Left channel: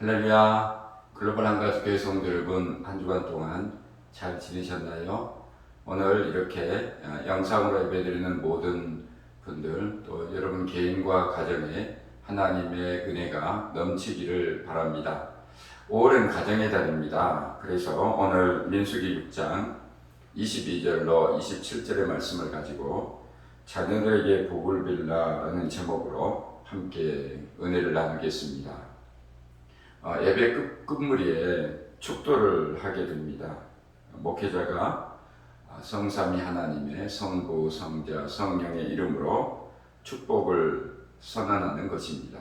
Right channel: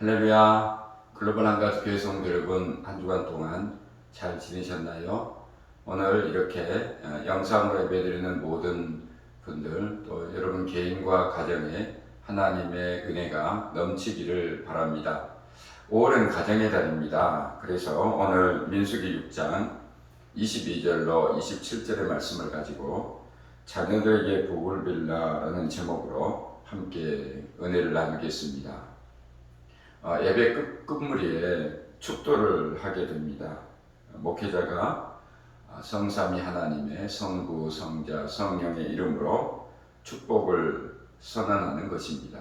할렐루야. 글로벌 한가족 교회 성도 여러분, 한 주간 동안 잘 지내셨나요? 오늘 이렇게 영상으로 예배드리는 모든 분들, 또 여러분 개인과 가정에 하나님의 은혜가 넘치기를 바랍니다. 5월은 가정의 달입니다. 그래서 오늘 민수기 6장 22절로 27절의 말씀을 가지고 자녀들에게 복을 빌라라는 제목으로 함께 은혜를 나누겠습니다. 예배 끝무리에 축도를 하게 됩니다. 목회자가 성삼위 하나님의 성부, 성자, 성령의 이름으로 축복을 선언하는 것입니다.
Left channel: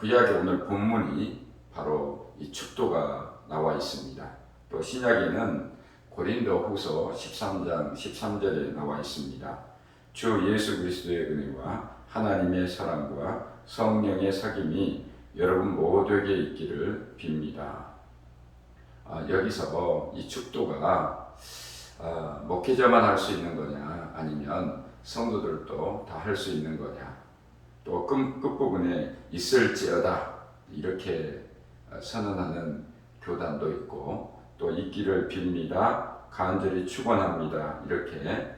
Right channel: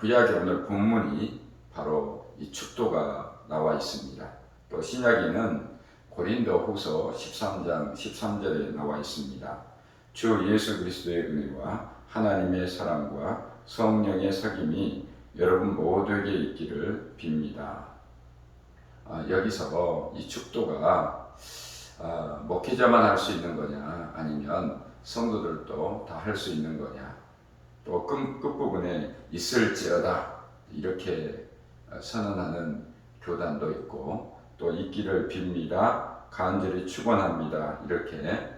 구약의 오늘 본문이 바로 이 축도가 나와 있습니다. 또 신약에는 고린도 후서 13장 13절에 나와 있습니다. 주 예수 그리스도의 은혜와 하나님의 사랑과 성령의 사귐이 여러분 모두에게 있기를 빕니다. 여기서 이 축도가 목회자만 할 수 있는 거냐, 아니면 성도들도 다 할 수 있는 거냐, 또 끝부분에 있을지어다 이렇게 선언하는 교단도 있고, 또 있기를 빕니다, 간절히 축원합니다 이렇게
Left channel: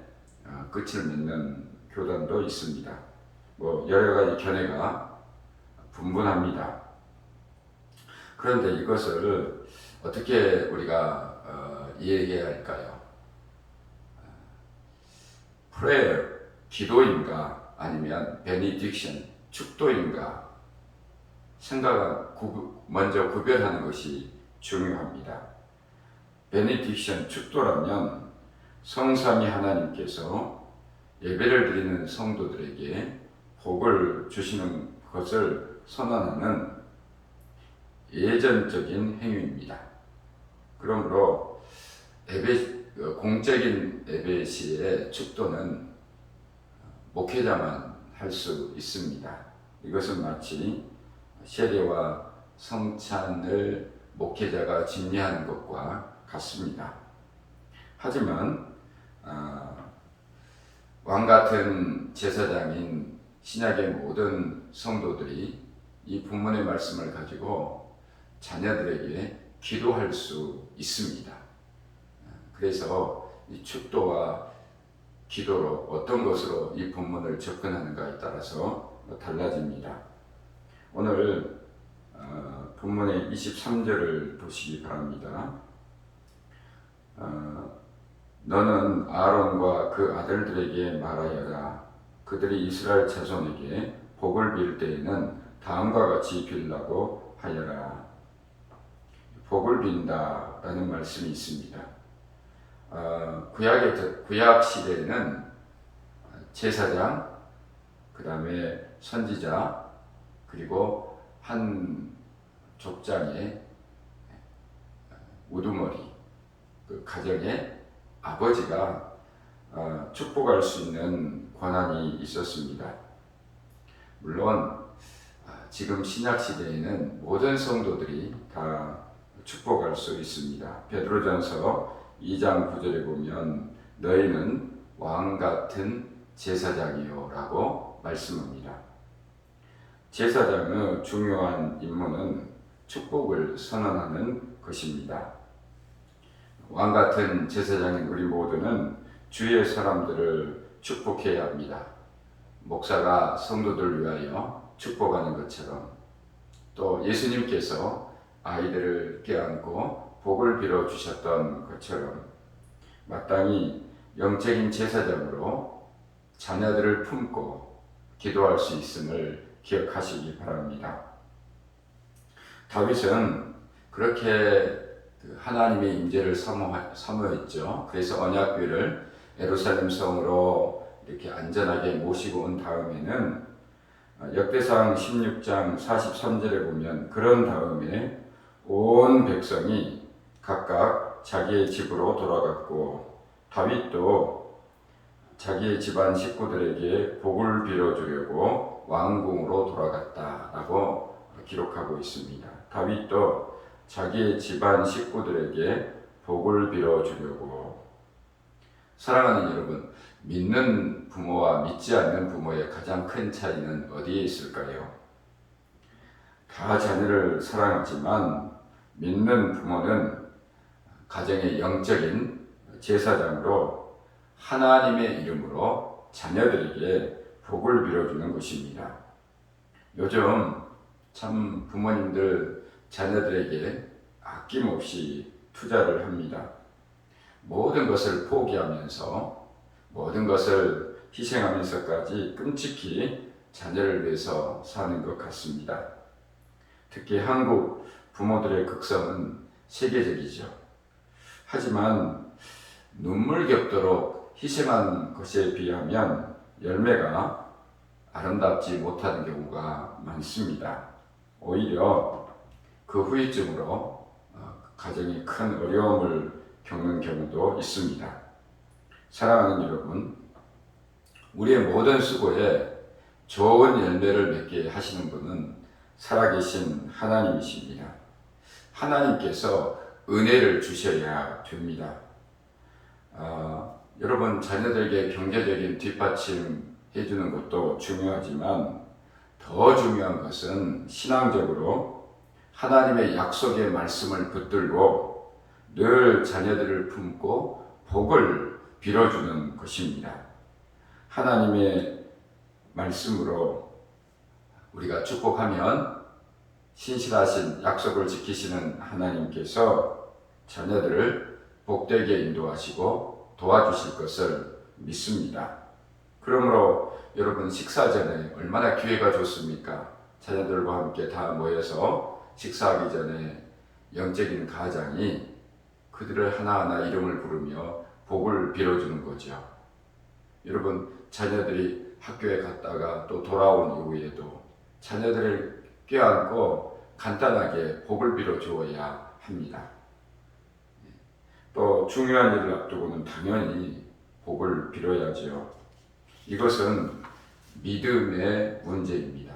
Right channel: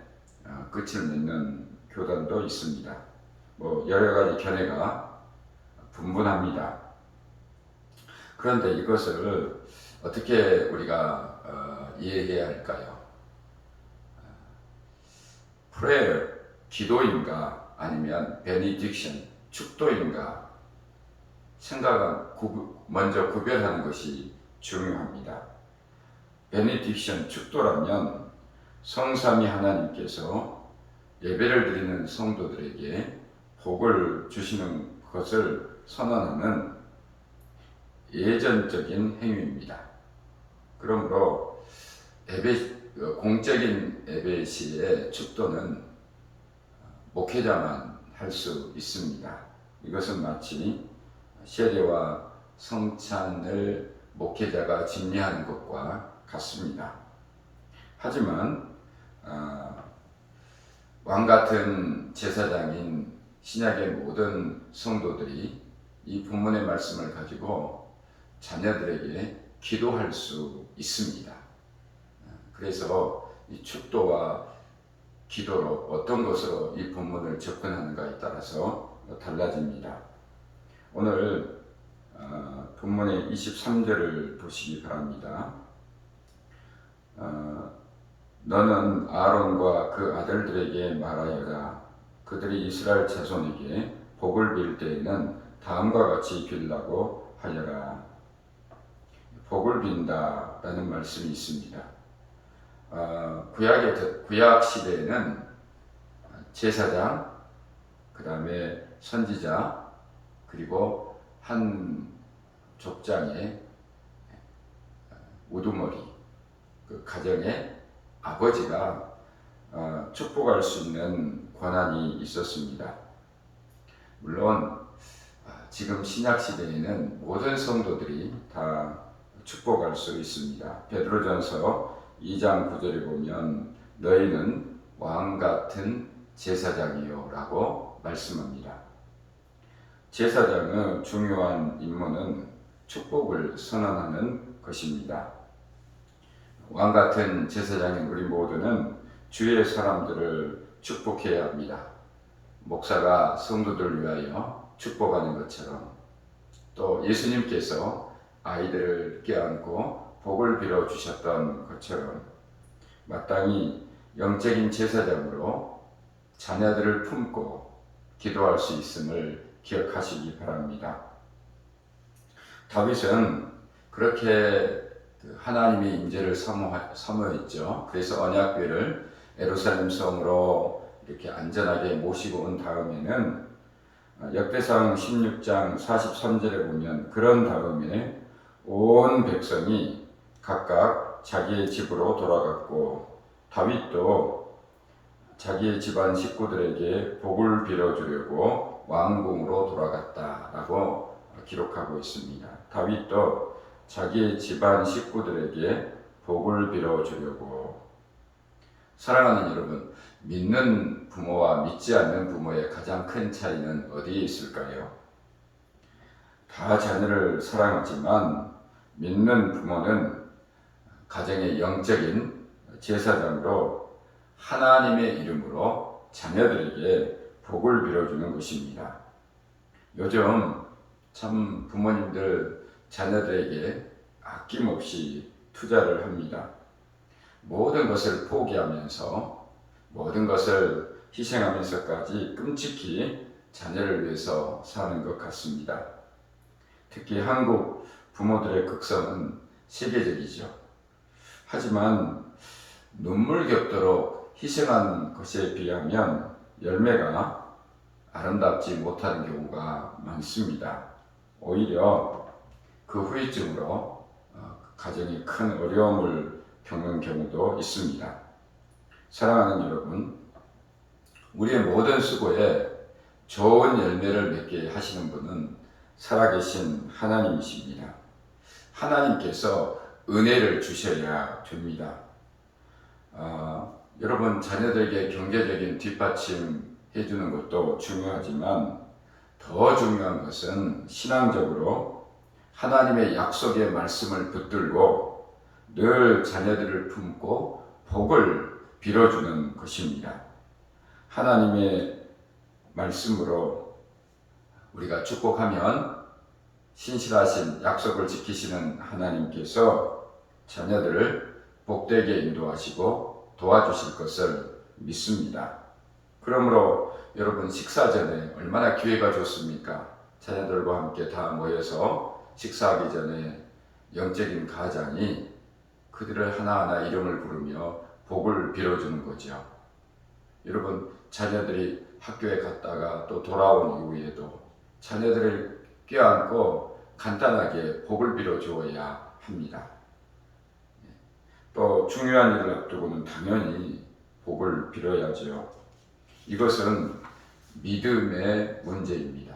끝을 맺는 교단도 있습니다. 여러 가지 견해가 분분합니다. 그런데 이것을 어떻게 우리가 이해해야 할까요? prayer, 기도인가 아니면 benediction, 축도인가 먼저 구별하는 것이 중요합니다. benediction, 축도라면 성삼위 하나님께서 예배를 드리는 성도들에게 복을 주시는 것을 선언하는 예전적인 행위입니다. 그러므로 공적인 예배 시에 축도는 목회자만 할 수 있습니다. 이것은 마치 세례와 성찬을 목회자가 집례하는 것과 같습니다. 하지만 왕같은 제사장인 신약의 모든 성도들이 이 본문의 말씀을 가지고 자녀들에게 기도할 수 있습니다. 그래서 이 축도와 기도로 어떤 것으로 이 본문을 접근하는가에 따라서 달라집니다. 오늘 본문의 23절을 보시기 바랍니다. 너는 아론과 그 아들들에게 말하여라. 그들이 이스라엘 자손에게 복을 빌 때에는 다음과 같이 빌라고 하여라. 복을 빈다라는 말씀이 있습니다. 구약 시대에는 제사장, 그 다음에 선지자, 그리고 한 족장의 우두머리, 그 가정의 아버지가 축복할 수 있는 권한이 있었습니다. 물론 지금 신약 시대에는 모든 성도들이 다 축복할 수 있습니다. 베드로전서 2장 9절에 보면 너희는 왕 같은 제사장이요 라고 말씀합니다. 제사장의 중요한 임무는 축복을 선언하는 것입니다. 왕 같은 제사장인 우리 모두는 주의 사람들을 축복해야 합니다. 목사가 성도들을 위하여 축복하는 것처럼, 또 예수님께서 아이들을 껴안고 복을 빌어 주셨던 것처럼 마땅히 영적인 제사장으로 자녀들을 품고 기도할 수 있음을 기억하시기 바랍니다. 다윗은 그렇게 하나님의 임재를 사모했죠. 그래서 언약궤를 예루살렘 성으로 이렇게 안전하게 모시고 온 다음에는 역대상 16장 43절에 보면 그런 다음에 온 백성이 각각 자기의 집으로 돌아갔고 다윗도 자기의 집안 식구들에게 복을 빌어주려고 왕궁으로 돌아갔다라고 기록하고 있습니다. 다윗도 자기의 집안 식구들에게 복을 빌어주려고. 사랑하는 여러분, 믿는 부모와 믿지 않는 부모의 가장 큰 차이는 어디에 있을까요? 다 자녀를 사랑하지만 믿는 부모는 가정의 영적인 제사장으로 하나님의 이름으로 자녀들에게 복을 빌어주는 것입니다. 요즘 참 부모님들 자녀들에게 아낌없이 투자를 합니다. 모든 것을 포기하면서 모든 것을 희생하면서까지 끔찍히 자녀를 위해서 사는 것 같습니다. 특히 한국 부모들의 극성은 세계적이죠. 하지만 눈물겹도록 희생한 것에 비하면 열매가 아름답지 못하는 경우가 많습니다. 오히려 그 후유증으로 가정이 큰 어려움을 겪는 경우도 있습니다. 사랑하는 여러분, 우리의 모든 수고에 좋은 열매를 맺게 하시는 분은 살아계신 하나님이십니다. 하나님께서 은혜를 주셔야 됩니다. 여러분, 자녀들에게 경제적인 뒷받침 해주는 것도 중요하지만 더 중요한 것은 신앙적으로 하나님의 약속의 말씀을 붙들고 늘 자녀들을 품고 복을 빌어주는 것입니다. 하나님의 말씀으로 우리가 축복하면 신실하신 약속을 지키시는 하나님께서 자녀들을 복되게 인도하시고 도와주실 것을 믿습니다. 그러므로 여러분, 식사 전에 얼마나 기회가 좋습니까? 자녀들과 함께 다 모여서 식사하기 전에 영적인 가장이 그들을 하나하나 이름을 부르며 복을 빌어주는 거죠. 여러분, 자녀들이 학교에 갔다가 또 돌아온 이후에도 자녀들을 껴안고 간단하게 복을 빌어주어야 합니다. 또 중요한 일을 앞두고는 당연히 복을 빌어야죠. 이것은 믿음의 문제입니다.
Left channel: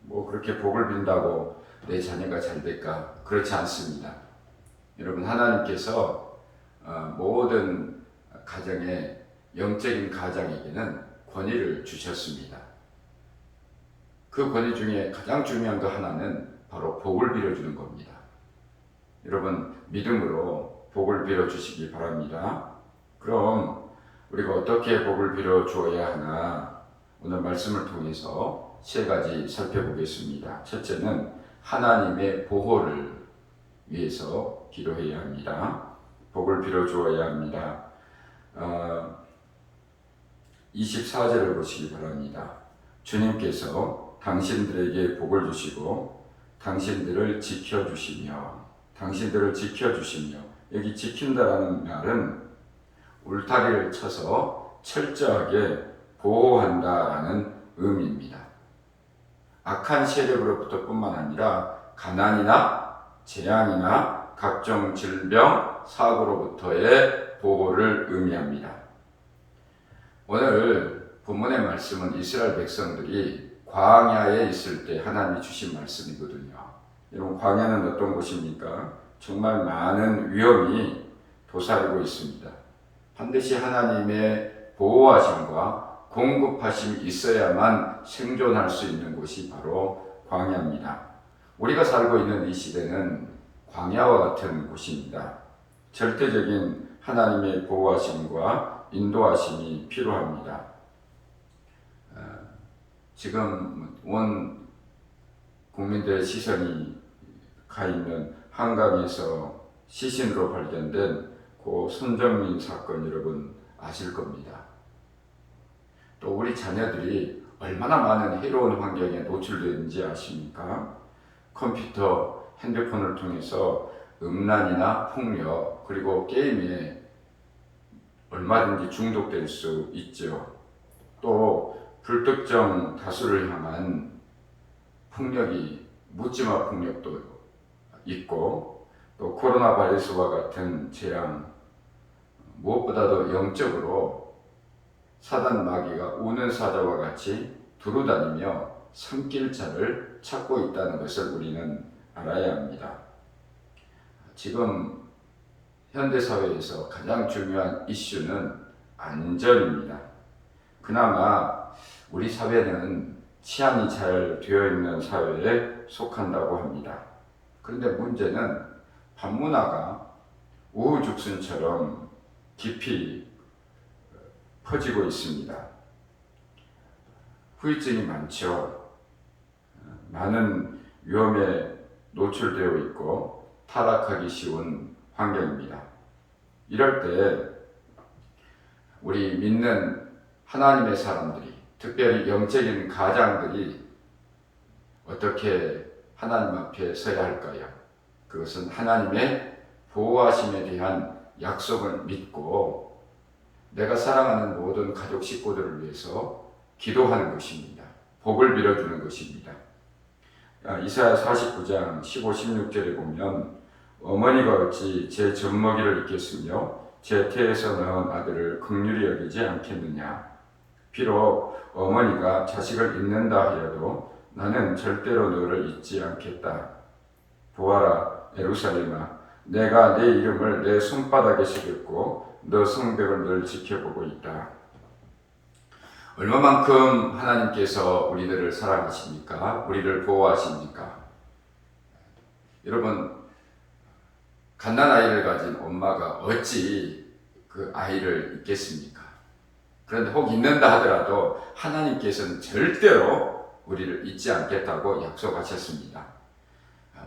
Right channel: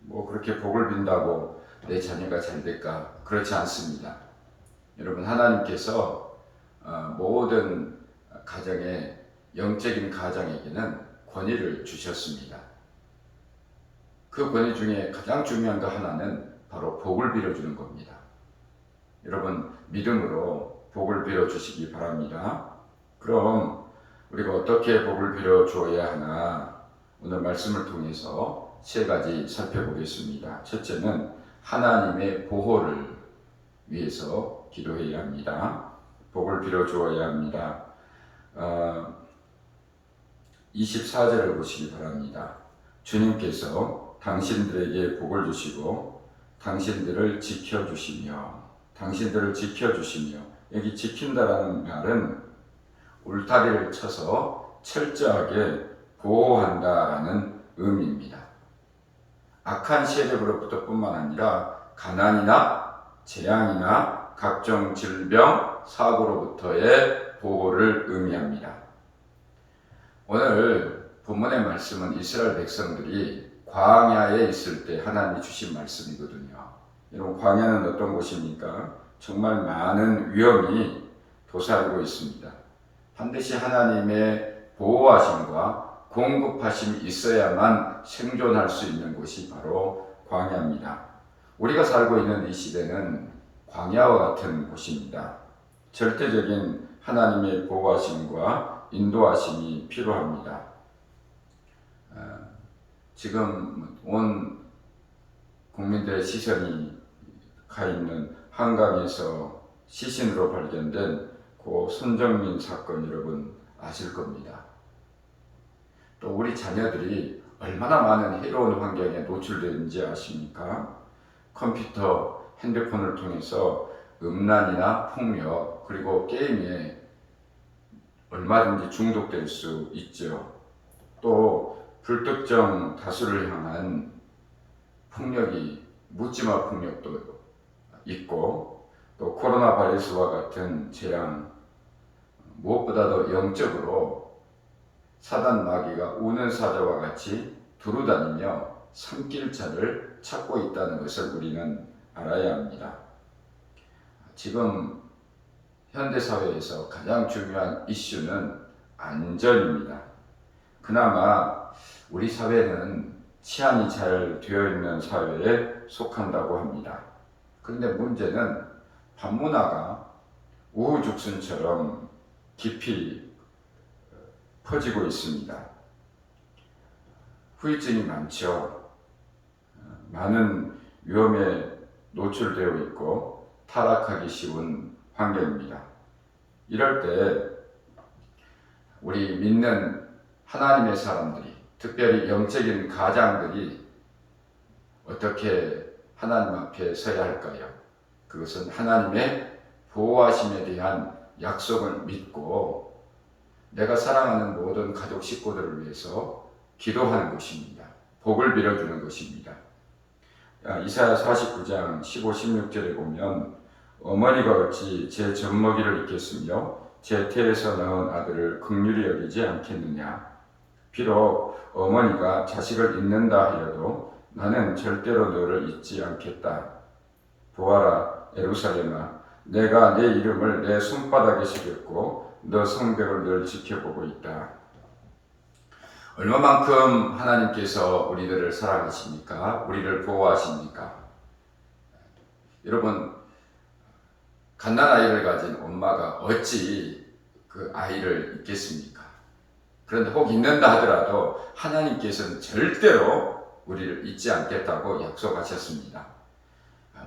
뭐 그렇게 복을 빈다고 내 자녀가 잘 될까? 그렇지 않습니다. 여러분, 하나님께서 모든 가정에 영적인 가장에게는 권위를 주셨습니다. 그 권위 중에 가장 중요한 거 하나는 바로 복을 빌어주는 겁니다. 여러분, 믿음으로 복을 빌어주시기 바랍니다. 그럼 우리가 어떻게 복을 빌어주어야 하나, 오늘 말씀을 통해서 세 가지 살펴보겠습니다. 첫째는 하나님의 보호를 위해서 기도해야 합니다. 복을 빌어주어야 합니다. 24절을 보시기 바랍니다. 주님께서 당신들에게 복을 주시고 당신들을 지켜주시며, 여기 지킨다라는 말은 울타리를 쳐서 철저하게 보호한다라는 의미입니다. 악한 세력으로부터 뿐만 아니라 가난이나 재앙이나 각종 질병, 사고로부터의 보호를 의미합니다. 오늘 본문의 말씀은 이스라엘 백성들이 광야에 있을 때 하나님이 주신 말씀이거든요. 여러분, 광야는 어떤 곳입니까? 정말 많은 위험이 도사리고 있습니다. 반드시 하나님의 보호하심과 공급하심이 있어야만 생존할 수 있는 곳이 바로 광야입니다. 우리가 살고 있는 이 시대는 광야와 같은 곳입니다. 절대적인 하나님의 보호하심과 인도하심이 필요합니다. 지금 온 국민들의 시선이 가 있는 한강에서 시신으로 발견된 고 손정민 사건, 여러분 아실 겁니다. 또 우리 자녀들이 얼마나 많은 해로운 환경에 노출되는지 아십니까? 컴퓨터, 핸드폰을 통해서 음란이나 폭력, 그리고 게임에 얼마든지 중독될 수 있죠. 또 불특정 다수를 향한 폭력이, 묻지마 폭력도 있고, 또 코로나 바이러스와 같은 재앙, 무엇보다도 영적으로 사단 마귀가 우는 사자와 같이 두루다니며 삼킬 자를 찾고 있다는 것을 우리는 알아야 합니다. 지금 현대사회에서 가장 중요한 이슈는 안전입니다. 그나마 우리 사회는 치안이 잘 되어 있는 사회에 속한다고 합니다. 그런데 문제는 반문화가 우후죽순처럼 깊이 퍼지고 있습니다. 후유증이 많죠. 많은 위험에 노출되어 있고 타락하기 쉬운 환경입니다. 이럴 때 우리 믿는 하나님의 사람들이, 특별히 영적인 가장들이 어떻게 하나님 앞에 서야 할까요? 그것은 하나님의 보호하심에 대한 약속을 믿고 내가 사랑하는 모든 가족 식구들을 위해서 기도하는 것입니다. 복을 빌어주는 것입니다. 이사야 49장 15, 16절에 보면 어머니가 어찌 제 젖먹이를 잊겠으며 제 태에서 낳은 아들을 긍휼히 여기지 않겠느냐. 비록 어머니가 자식을 잊는다 하여도 나는 절대로 너를 잊지 않겠다. 보아라 예루살렘아, 내가 내 이름을 내 손바닥에 새겼고 너 성벽을 늘 지켜보고 있다. 얼마만큼 하나님께서 우리들을 사랑하십니까? 우리를 보호하십니까? 여러분, 갓난아이를 가진 엄마가 어찌 그 아이를 잊겠습니까? 그런데 혹 잊는다 하더라도 하나님께서는 절대로 우리를 잊지 않겠다고 약속하셨습니다.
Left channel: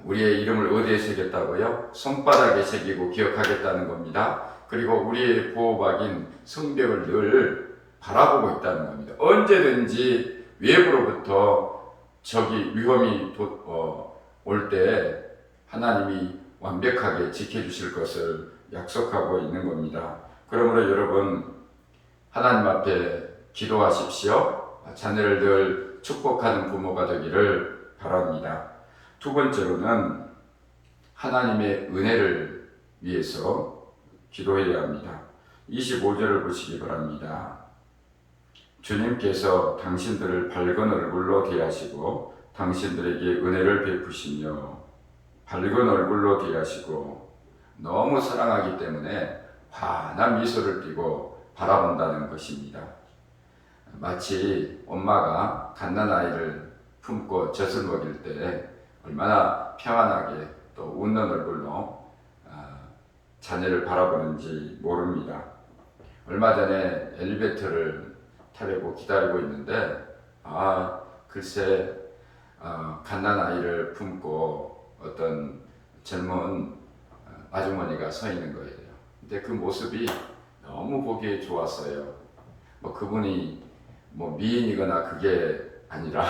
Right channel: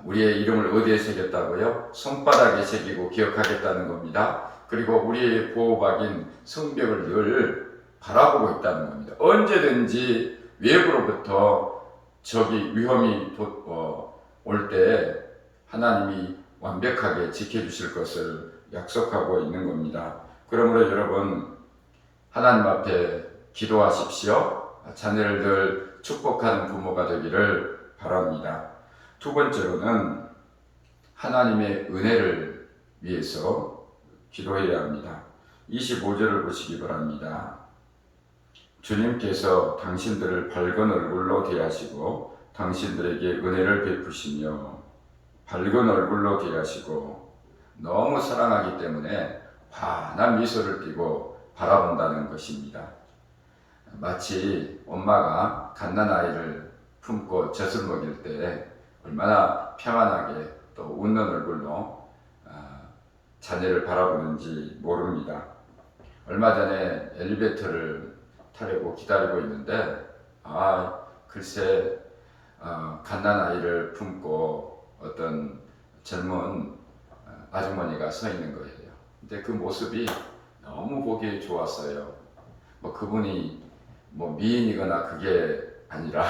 우리의 이름을 어디에 새겼다고요? 손바닥에 새기고 기억하겠다는 겁니다. 그리고 우리의 보호막인 성벽을 늘 바라보고 있다는 겁니다. 언제든지 외부로부터 적이 위험이 올 때 하나님이 완벽하게 지켜주실 것을 약속하고 있는 겁니다. 그러므로 여러분, 하나님 앞에 기도하십시오. 자녀를 늘 축복하는 부모가 되기를 바랍니다. 두 번째로는 하나님의 은혜를 위해서 기도해야 합니다. 25절을 보시기 바랍니다. 주님께서 당신들을 밝은 얼굴로 대하시고 당신들에게 은혜를 베푸시며 밝은 얼굴로 대하시고 너무 사랑하기 때문에 환한 미소를 띠고 바라본다는 것입니다. 마치 엄마가 갓난아이를 품고 젖을 먹일 때 얼마나 평안하게 또 웃는 얼굴로 자녀를 바라보는지 모릅니다. 얼마 전에 엘리베이터를 타려고 기다리고 있는데 글쎄 갓난아이를 품고 어떤 젊은 아주머니가 서 있는 거예요. 근데 그 모습이 너무 보기 좋았어요. 그분이 미인이거나 그게 아니라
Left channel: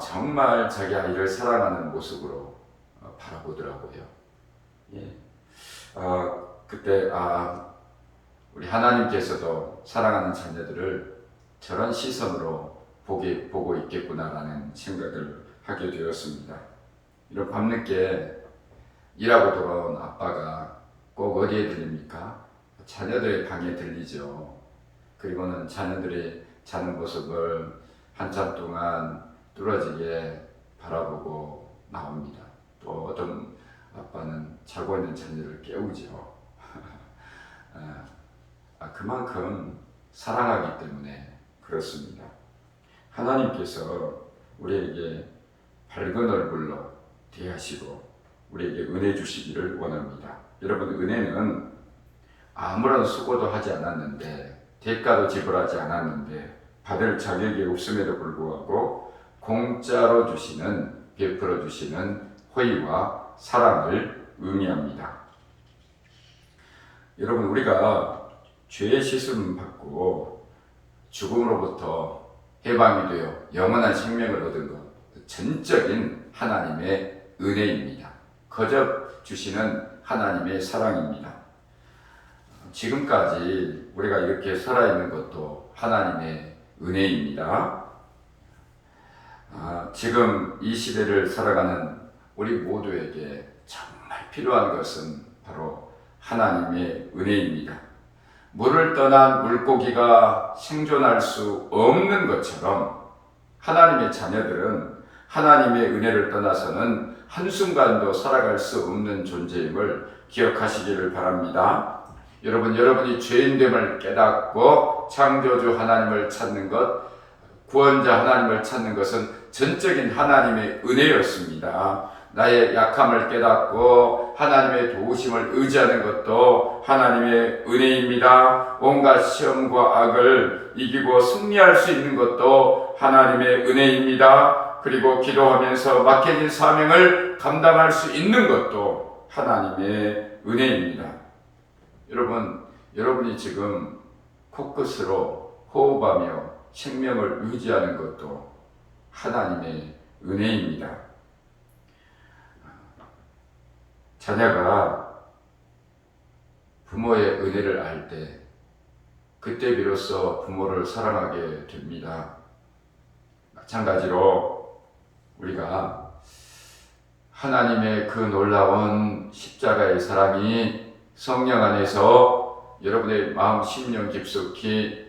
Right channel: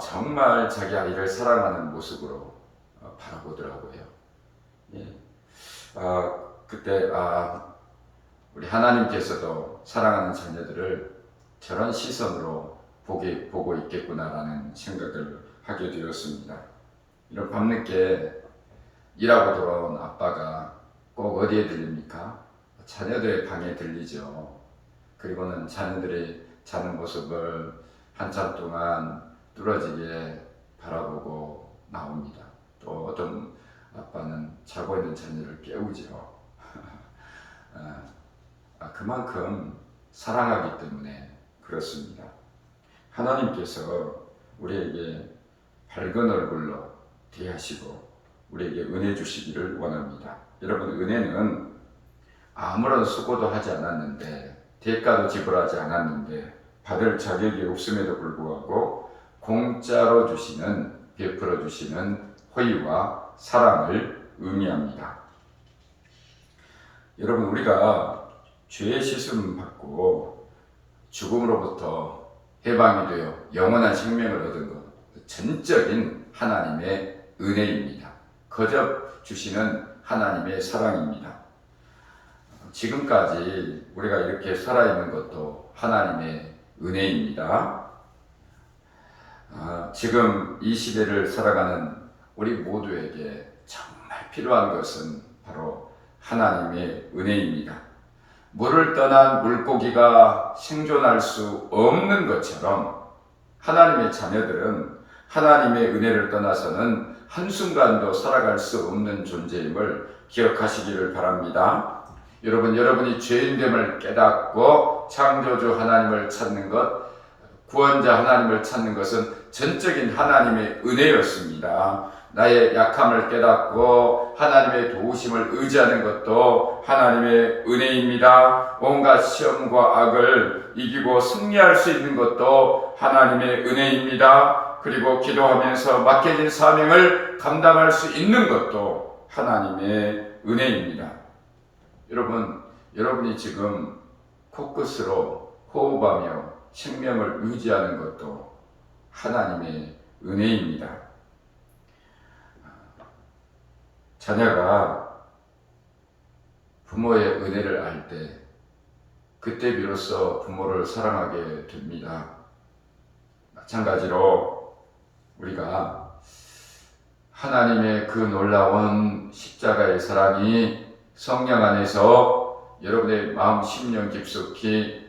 정말 자기 아이를 사랑하는 모습으로 바라보더라고요. 예. 그때 우리 하나님께서도 사랑하는 자녀들을 저런 시선으로 보고 있겠구나라는 생각을 하게 되었습니다. 이런 밤늦게 일하고 돌아온 아빠가 꼭 어디에 들립니까? 자녀들의 방에 들리죠. 그리고는 자녀들이 자는 모습을 한참 동안 뚫어지게 바라보고 나옵니다. 또 어떤 아빠는 자고 있는 자녀를 깨우죠. 그만큼 사랑하기 때문에 그렇습니다. 하나님께서 우리에게 밝은 얼굴로 대하시고 우리에게 은혜 주시기를 원합니다. 여러분, 은혜는 아무런 수고도 하지 않았는데 대가도 지불하지 않았는데 받을 자격이 없음에도 불구하고 공짜로 주시는, 베풀어 주시는 호의와 사랑을 의미합니다. 여러분, 우리가 죄의 씻음 받고 죽음으로부터 해방이 되어 영원한 생명을 얻은 것, 전적인 하나님의 은혜입니다. 거저 주시는 하나님의 사랑입니다. 지금까지 우리가 이렇게 살아있는 것도 하나님의 은혜입니다. 지금 이 시대를 살아가는 우리 모두에게 정말 필요한 것은 바로 하나님의 은혜입니다. 물을 떠난 물고기가 생존할 수 없는 것처럼 하나님의 자녀들은 하나님의 은혜를 떠나서는 한순간도 살아갈 수 없는 존재임을 기억하시기를 바랍니다. 여러분이 죄인됨을 깨닫고 창조주 하나님을 찾는 것 구원자 하나님을 찾는 것은 전적인 하나님의 은혜였습니다. 나의 약함을 깨닫고 하나님의 도우심을 의지하는 것도 하나님의 은혜입니다. 온갖 시험과 악을 이기고 승리할 수 있는 것도 하나님의 은혜입니다. 그리고 기도하면서 맡겨진 사명을 감당할 수 있는 것도 하나님의 은혜입니다. 여러분이 지금 코끝으로 호흡하며 생명을 유지하는 것도 하나님의 은혜입니다. 자녀가 부모의 은혜를 알 때 그때 비로소 부모를 사랑하게 됩니다. 마찬가지로 우리가 하나님의 그 놀라운 십자가의 사랑이 성령 안에서 여러분의 마음 심령 깊숙이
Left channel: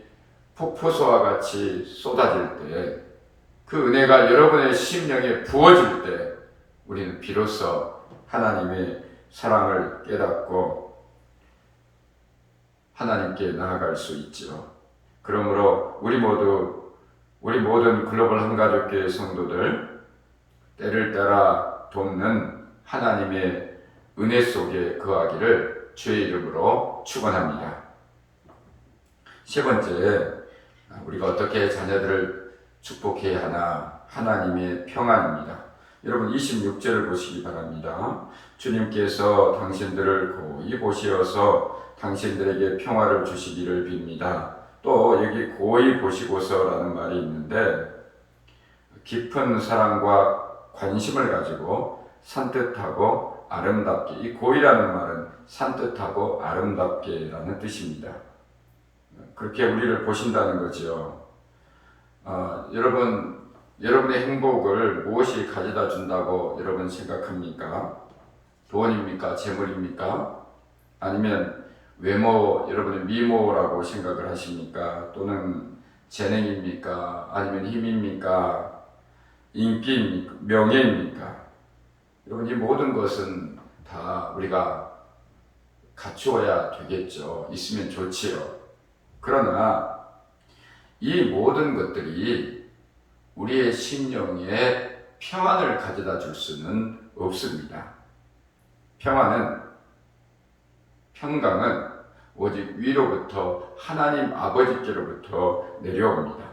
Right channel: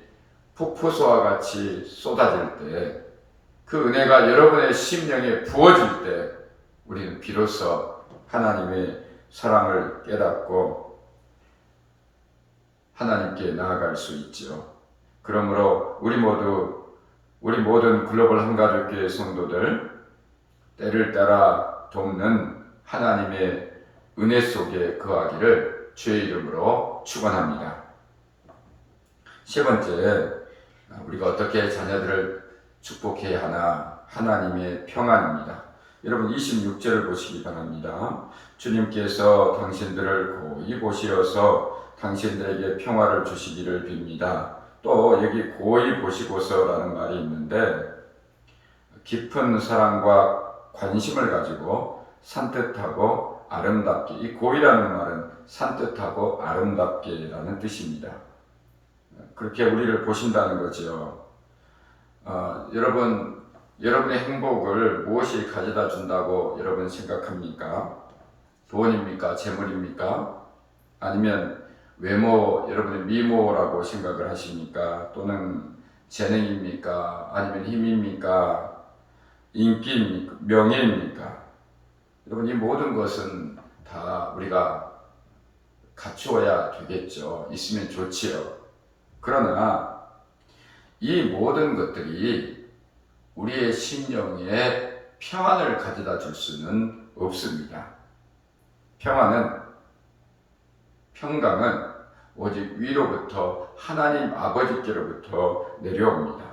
폭포수와 같이 쏟아질 때, 그 은혜가 여러분의 심령에 부어질 때 우리는 비로소 하나님의 사랑을 깨닫고 하나님께 나아갈 수 있지요. 그러므로 우리 모든 글로벌 한가족교회 성도들, 때를 따라 돕는 하나님의 은혜 속에 거하기를 주의 이름으로 축원합니다. 세 번째, 우리가 어떻게 자녀들을 축복해야 하나? 하나님의 평안입니다. 여러분 26절을 보시기 바랍니다. 주님께서 당신들을 고이 보시어서 당신들에게 평화를 주시기를 빕니다. 또 여기 고이 보시고서라는 말이 있는데, 깊은 사랑과 관심을 가지고 산뜻하고 아름답게, 이 고이라는 말은 산뜻하고 아름답게라는 뜻입니다. 그렇게 우리를 보신다는 거죠. 여러분의 행복을 무엇이 가져다 준다고 여러분 생각합니까? 돈입니까? 재물입니까? 아니면 외모, 여러분의 미모라고 생각을 하십니까? 또는 재능입니까? 아니면 힘입니까? 인기입니까? 명예입니까? 여러분, 이 모든 것은 다 우리가 갖추어야 되겠죠. 있으면 좋지요. 그러나 이 모든 것들이 우리의 심령에 평안을 가져다 줄 수는 없습니다. 평강은 오직 위로부터 하나님 아버지께로부터 내려옵니다.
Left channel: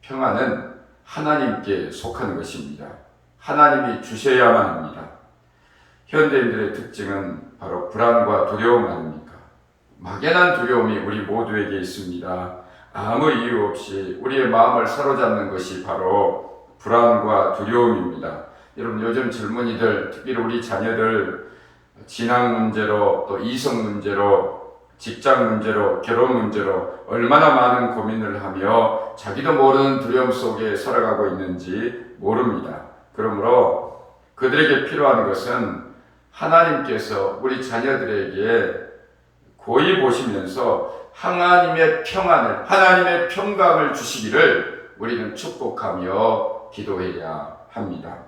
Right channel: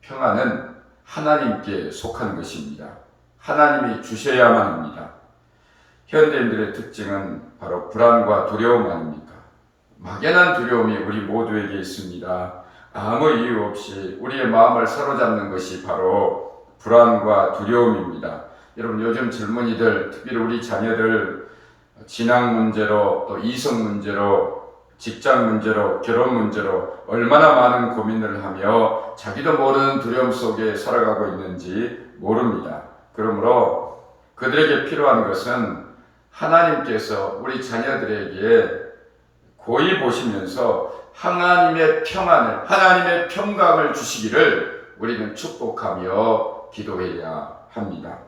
평안은 하나님께 속한 것입니다. 하나님이 주셔야만 합니다. 현대인들의 특징은 바로 불안과 두려움 아닙니까? 막연한 두려움이 우리 모두에게 있습니다. 아무 이유 없이 우리의 마음을 사로잡는 것이 바로 불안과 두려움입니다. 여러분, 요즘 젊은이들, 특히 우리 자녀들 진학 문제로, 또 이성 문제로, 직장 문제로, 결혼 문제로 얼마나 많은 고민을 하며 자기도 모르는 두려움 속에 살아가고 있는지 모릅니다. 그러므로 그들에게 필요한 것은 하나님께서 우리 자녀들에게 고이 보시면서 하나님의 평안을, 하나님의 평강을 주시기를 우리는 축복하며 기도해야 합니다.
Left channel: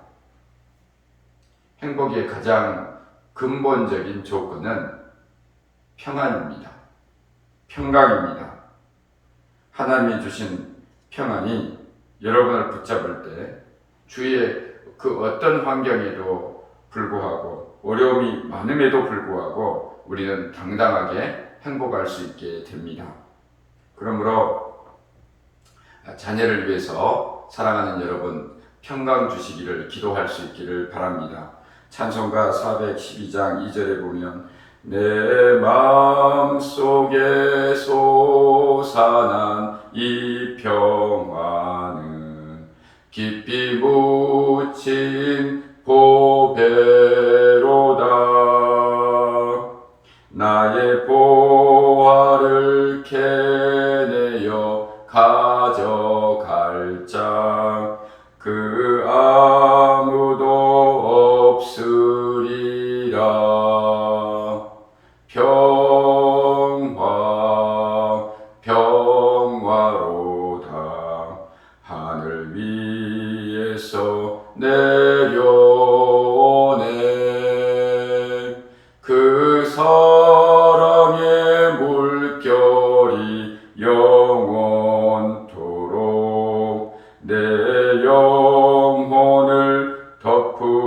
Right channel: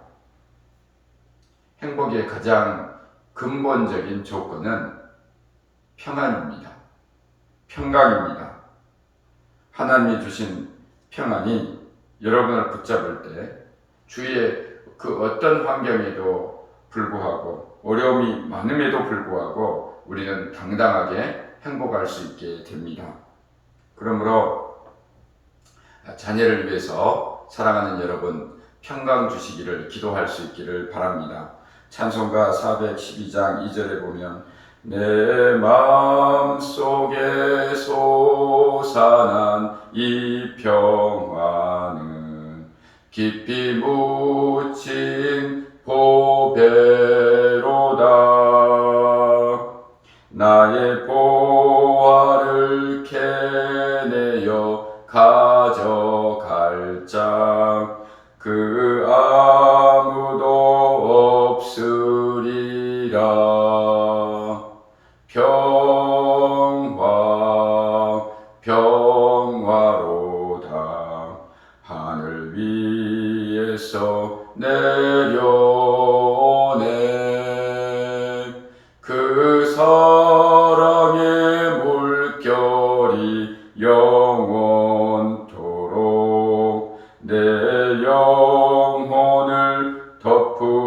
행복의 가장 근본적인 조건은 평안입니다. 평강입니다. 하나님이 주신 평안이 여러분을 붙잡을 때 주위의 그 어떤 환경에도 불구하고, 어려움이 많음에도 불구하고 우리는 당당하게 행복할 수 있게 됩니다. 그러므로 자녀를 위해서 사랑하는 여러분, 평강 주시기를 기도할 수 있기를 바랍니다. 찬송가 412장 2절에 보면 내 마음속에 솟아난 이 평안은 깊이 묻힌 보배로다. 나의 보화를 캐내어 가져갈 자 그 아무도 없으리라. 평화로다. 하늘 위에서 내려오네. 그 사랑의 물결이 영원토록 내 영혼을 덮으소서.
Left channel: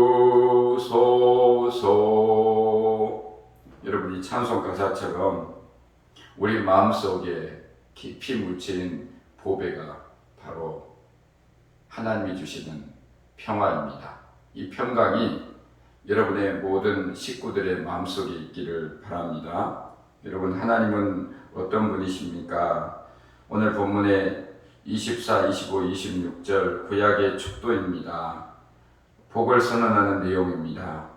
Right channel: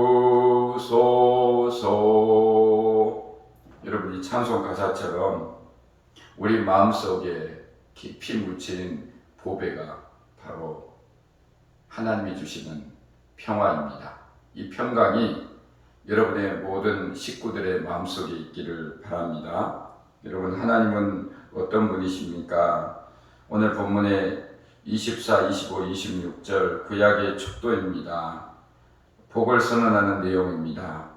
여러분, 이 찬송 가사처럼 우리 마음속에 깊이 묻힌 보배가 바로 하나님이 주시는 평화입니다. 이 평강이 여러분의 모든 식구들의 마음속에 있기를 바랍니다. 여러분, 하나님은 어떤 분이십니까? 오늘 본문의 24, 25, 26절 구약의 축도입니다. 복을 선언하는 내용입니다.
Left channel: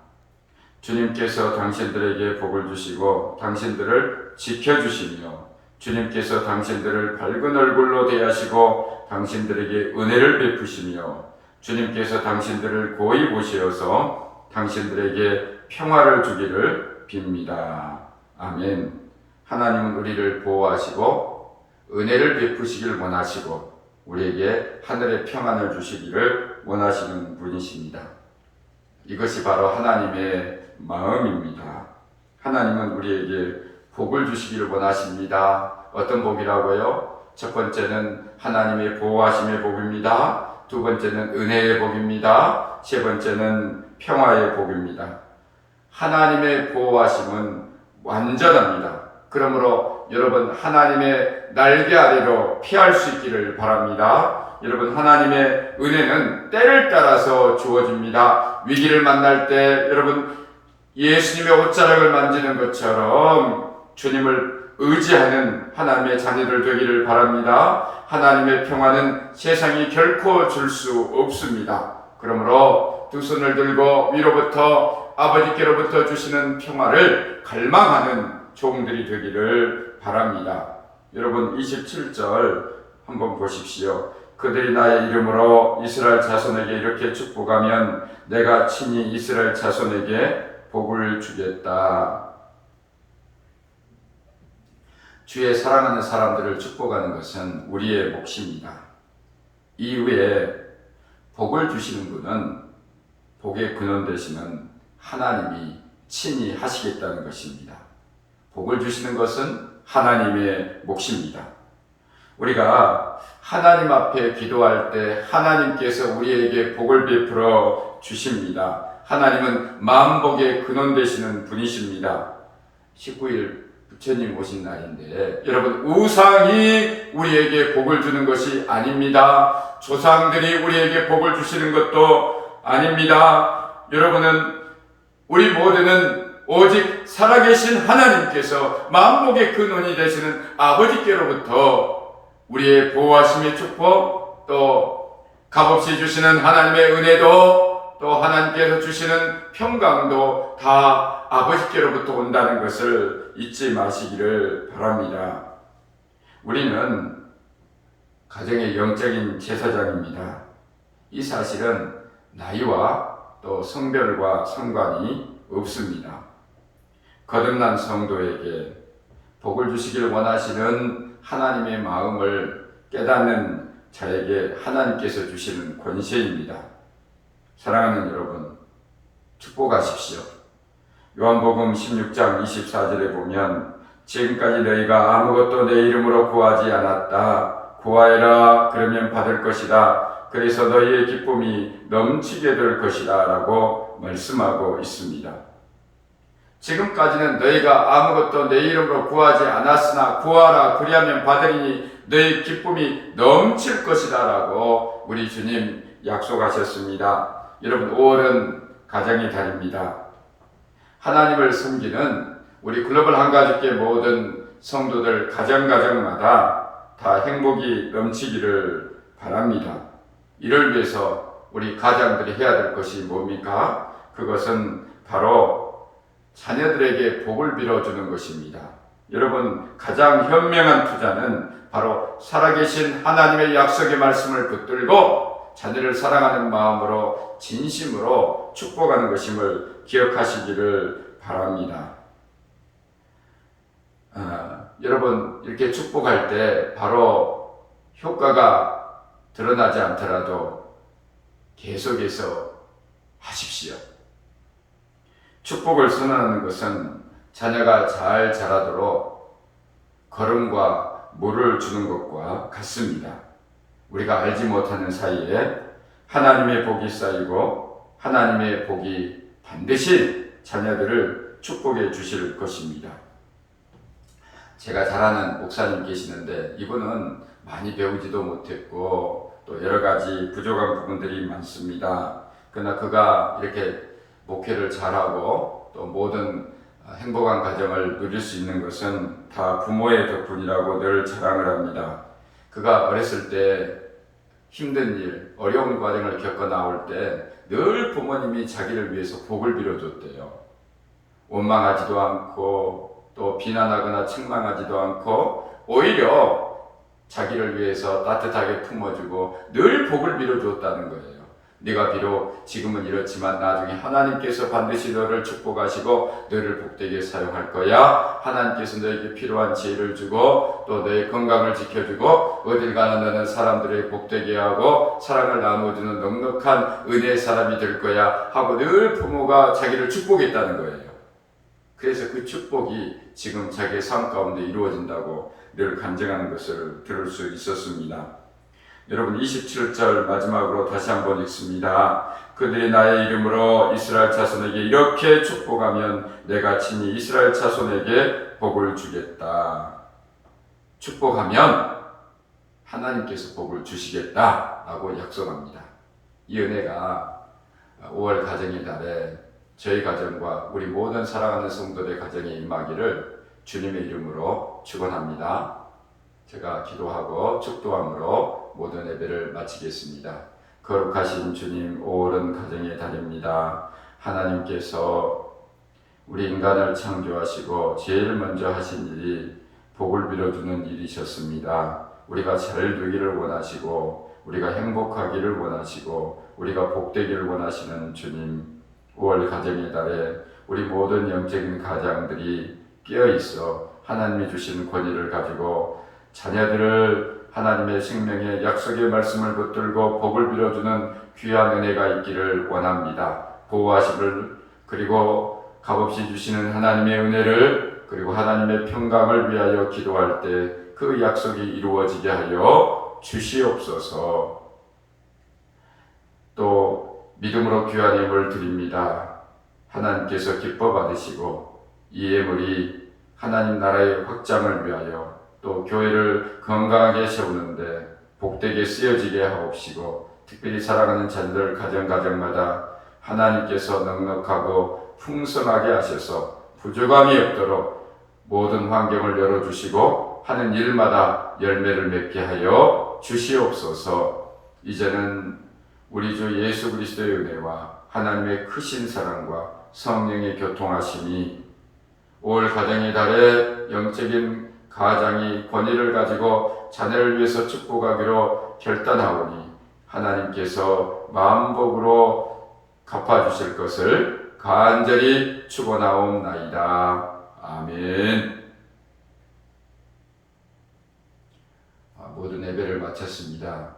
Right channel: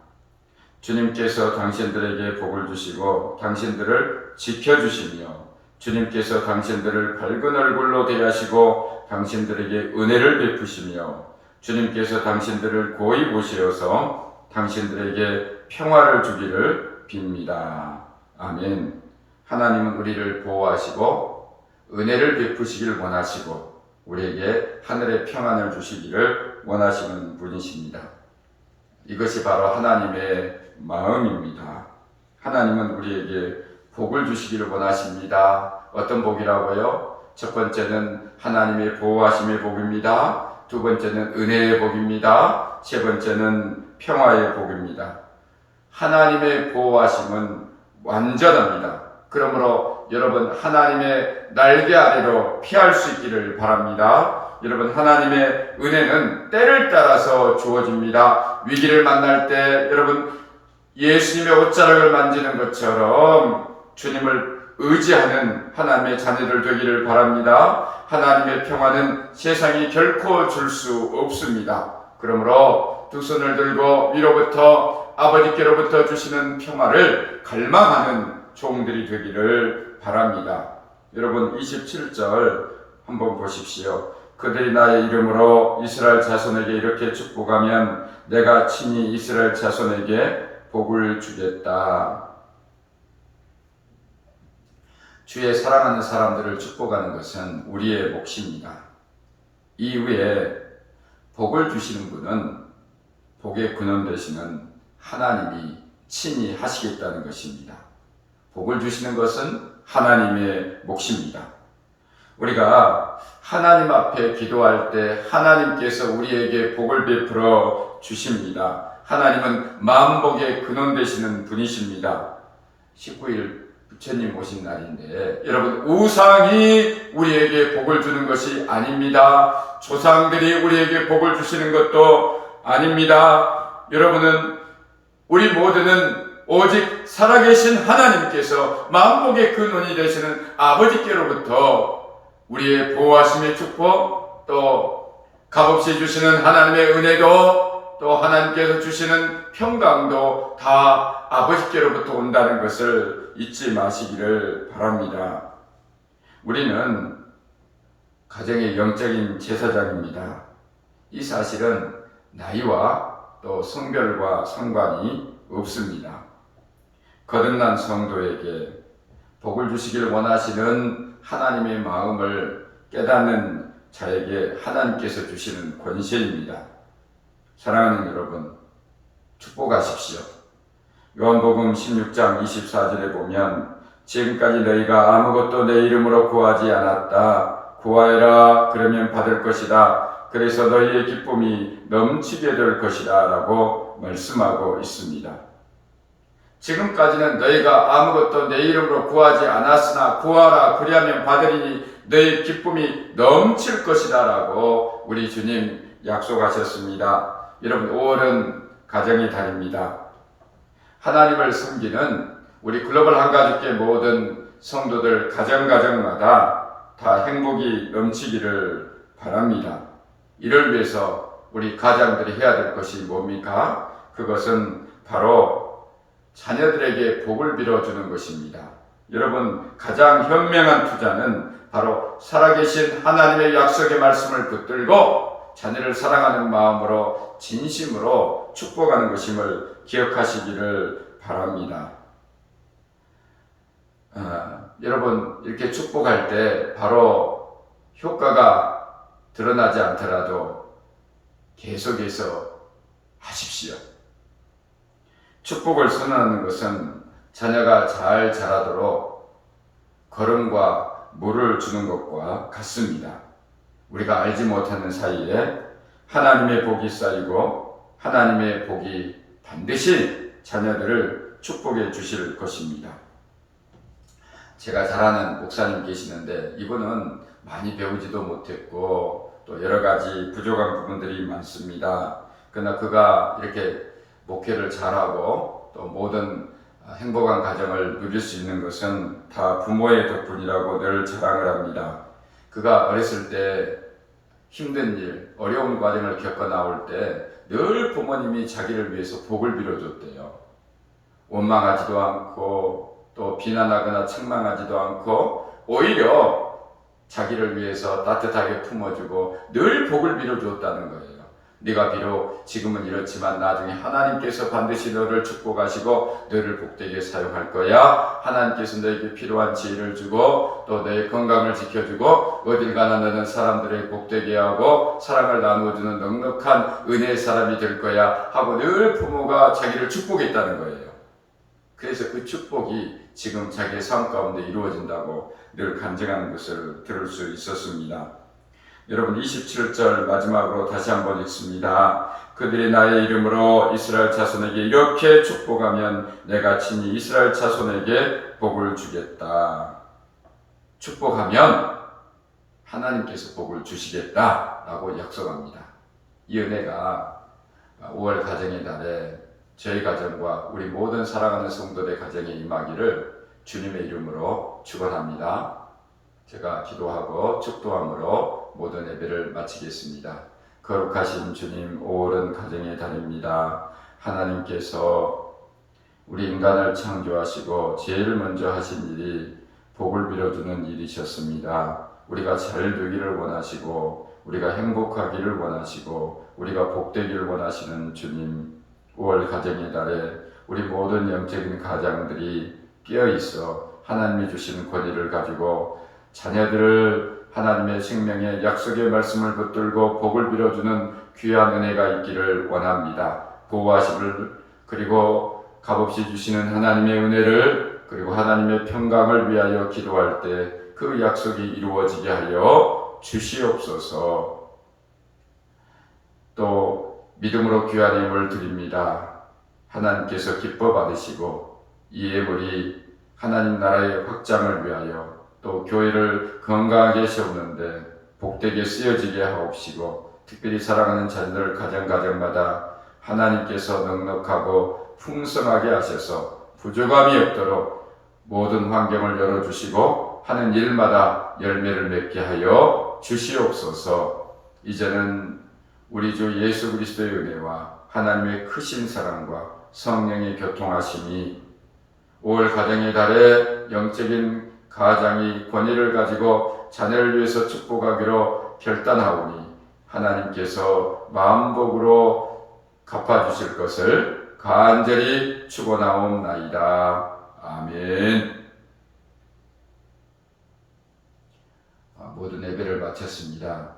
주님께서 당신들에게 복을 주시고 당신들을 지켜주시며 주님께서 당신들을 밝은 얼굴로 대하시고 당신들에게 은혜를 베푸시며 주님께서 당신들을 고이 보시어서 당신들에게 평화를 주기를 빕니다. 아멘. 하나님은 우리를 보호하시고 은혜를 베푸시길 원하시고 우리에게 하늘의 평안을 주시기를 원하시는 분이십니다. 이것이 바로 하나님의 마음입니다. 하나님은 우리에게 복을 주시기를 원하십니다. 어떤 복이라고요? 첫 번째는 하나님의 보호하심의 복입니다. 두 번째는 은혜의 복입니다. 세 번째는 평화의 복입니다. 하나님의 보호하심은 완전합니다. 그러므로 여러분, 하나님의 날개 아래로 피할 수 있기를 바랍니다. 여러분, 하나님의 은혜는 때를 따라서 주어집니다. 위기를 만날 때 여러분, 예수님의 옷자락을 만지는 것처럼 주님을 의지하는 하나님의 자녀들 되기를 바랍니다. 하나님의 평화는 세상이 결코 줄 수 없습니다. 그러므로 두 손을 들고 위로부터 아버지께로부터 주시는 평화를 갈망하는 종들이 되기를 바랍니다. 여러분, 27절 한번 보십시오. 그들이 나의 이름으로 이스라엘 자손에게 이렇게 축복하면 내가 친히 이스라엘 자손에게 복을 주겠다. 주의 사랑하는 사람들을 축복하는 것은 우리의 몫입니다. 이후에 복을 주시는 분은 복의 근원 되시는 하나님이 친히 하시겠다는 것입니다. 복을 주시는 것은 하나님의 몫입니다. 우리가 하나님 앞에 기도할 때 하나님께서 우리에게 복을 베풀어 주십니다. 하나님은 만복의 근원 되시는 분이십니다. 19일 부처님 오신 날인데 여러분, 우상이 우리에게 복을 주는 것이 아닙니다. 조상들이 우리에게 복을 주시는 것도 아닙니다. 여러분은, 우리 모두는 오직 살아계신 하나님께서 만복의 근원이 되시는 아버지께로부터 우리의 보호하심의 축복, 또 값없이 주시는 하나님의 은혜도, 또 하나님께서 주시는 평강도 다 아버지께로부터 온다는 것을 잊지 마시기를 바랍니다. 우리는 가정의 영적인 제사장입니다. 이 사실은 나이와 또 성별과 상관이 없습니다. 거듭난 성도에게 복을 주시기를 원하시는 하나님의 마음을 깨닫는 자에게 하나님께서 주시는 권세입니다. 사랑하는 여러분, 축복하십시오. 요한복음 16장 24절에 보면 지금까지 너희가 아무것도 내 이름으로 구하지 않았다. 구하여라, 그러면 받을 것이다. 그래서 너희의 기쁨이 넘치게 될 것이다 라고 말씀하고 있습니다. 지금까지는 너희가 아무것도 내 이름으로 구하지 않았으나 구하라, 그리하면 받으리니 너희 기쁨이 넘칠 것이다 라고 우리 주님 약속하셨습니다. 여러분, 5월은 가정의 달입니다. 하나님을 섬기는 우리 글로벌 한가족계 모든 성도들 가정마다 다 행복이 넘치기를 바랍니다. 이를 위해서 우리 가장들이 해야 될 것이 뭡니까? 그것은 바로 자녀들에게 복을 빌어주는 것입니다. 여러분, 가장 현명한 투자는 바로 살아계신 하나님의 약속의 말씀을 붙들고 자녀를 사랑하는 마음으로 진심으로 축복하는 것임을 기억하시기를 바랍니다. 여러분, 이렇게 축복할 때 바로 효과가 드러나지 않더라도 계속해서 하십시오. 축복을 선언하는 것은 자녀가 잘 자라도록 거름과 물을 주는 것과 같습니다. 우리가 알지 못하는 사이에 하나님의 복이 쌓이고 하나님의 복이 반드시 자녀들을 축복해 주실 것입니다. 제가 잘 아는 목사님 계시는데 이분은 많이 배우지도 못했고 또 여러 가지 부족한 부분들이 많습니다. 그러나 그가 이렇게 목회를 잘하고 또 모든 행복한 가정을 누릴 수 있는 것은 다 부모의 덕분이라고 늘 자랑을 합니다. 그가 어렸을 때 힘든 일, 어려운 과정을 겪어 나올 때 늘 부모님이 자기를 위해서 복을 빌어줬대요. 원망하지도 않고 또 비난하거나 책망하지도 않고 오히려 자기를 위해서 따뜻하게 품어주고 늘 복을 빌어줬다는 거예요. 네가 비록 지금은 이렇지만 나중에 하나님께서 반드시 너를 축복하시고 너를 복되게 사용할 거야. 하나님께서 너에게 필요한 지혜를 주고 또 너의 건강을 지켜주고 어딜 가나 너는 사람들의 복되게 하고 사랑을 나누어주는 넉넉한 은혜의 사람이 될 거야 하고 늘 부모가 자기를 축복했다는 거예요. 그래서 그 축복이 지금 자기의 삶 가운데 이루어진다고 늘 간증하는 것을 들을 수 있었습니다. 여러분 27절 마지막으로 다시 한번 읽습니다. 그들이 나의 이름으로 이스라엘 자손에게 이렇게 축복하면 내가 친히 이스라엘 자손에게 복을 주겠다. 축복하면 하나님께서 복을 주시겠다라고 약속합니다. 이 은혜가 5월 가정의 달에 저희 가정과 우리 모든 사랑하는 성도들의 가정에 임하기를 주님의 이름으로 축원합니다. 제가 기도하고 축도함으로 모든 예배를 마치겠습니다. 거룩하신 주님, 5월은 가정의 달입니다. 하나님께서 우리 인간을 창조하시고 제일 먼저 하신 일이 복을 빌어주는 일이셨습니다. 우리가 잘 되기를 원하시고 우리가 행복하기를 원하시고 우리가 복되기를 원하시는 주님, 5월 가정의 달에 우리 모든 영적인 가장들이 깨어있어 하나님이 주신 권위를 가지고 자녀들을 하나님의 생명의 약속의 말씀을 붙들고 복을 빌어주는 귀한 은혜가 있기를 원합니다. 보호하심을 그리고 값없이 주시는 하나님의 은혜를 그리고 하나님의 평강을 위하여 기도할 때 그 약속이 이루어지게 하여 주시옵소서. 또 믿음으로 귀한 예물 드립니다. 하나님께서 기뻐 받으시고 이 예물이 하나님 나라의 확장을 위하여 또 교회를 건강하게 세우는데 복되게 쓰여지게 하옵시고 특별히 사랑하는 자녀들 가정마다 하나님께서 넉넉하고 풍성하게 하셔서 부족함이 없도록 모든 환경을 열어주시고 하는 일마다 열매를 맺게 하여 주시옵소서. 이제는 우리 주 예수 그리스도의 은혜와 하나님의 크신 사랑과 성령의 교통하심이 5월 가정의 달에 영적인 가장이 권위를 가지고 자녀를 위해서 축복하기로 결단하오니 하나님께서 마음복으로 갚아주실 것을 간절히 축원하옵나이다. 아멘. 모든 예배를 마쳤습니다.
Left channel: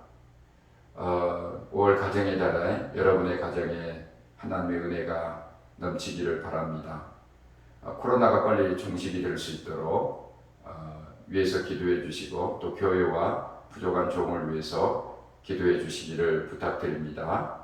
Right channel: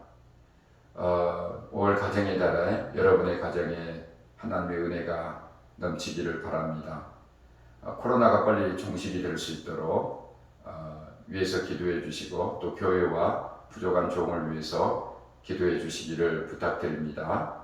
5월 가정의 달에 여러분의 가정에 하나님의 은혜가 넘치기를 바랍니다. 코로나가 빨리 종식이 될 수 있도록 위해서 기도해 주시고 또 교회와 부족한 종을 위해서 기도해 주시기를 부탁드립니다.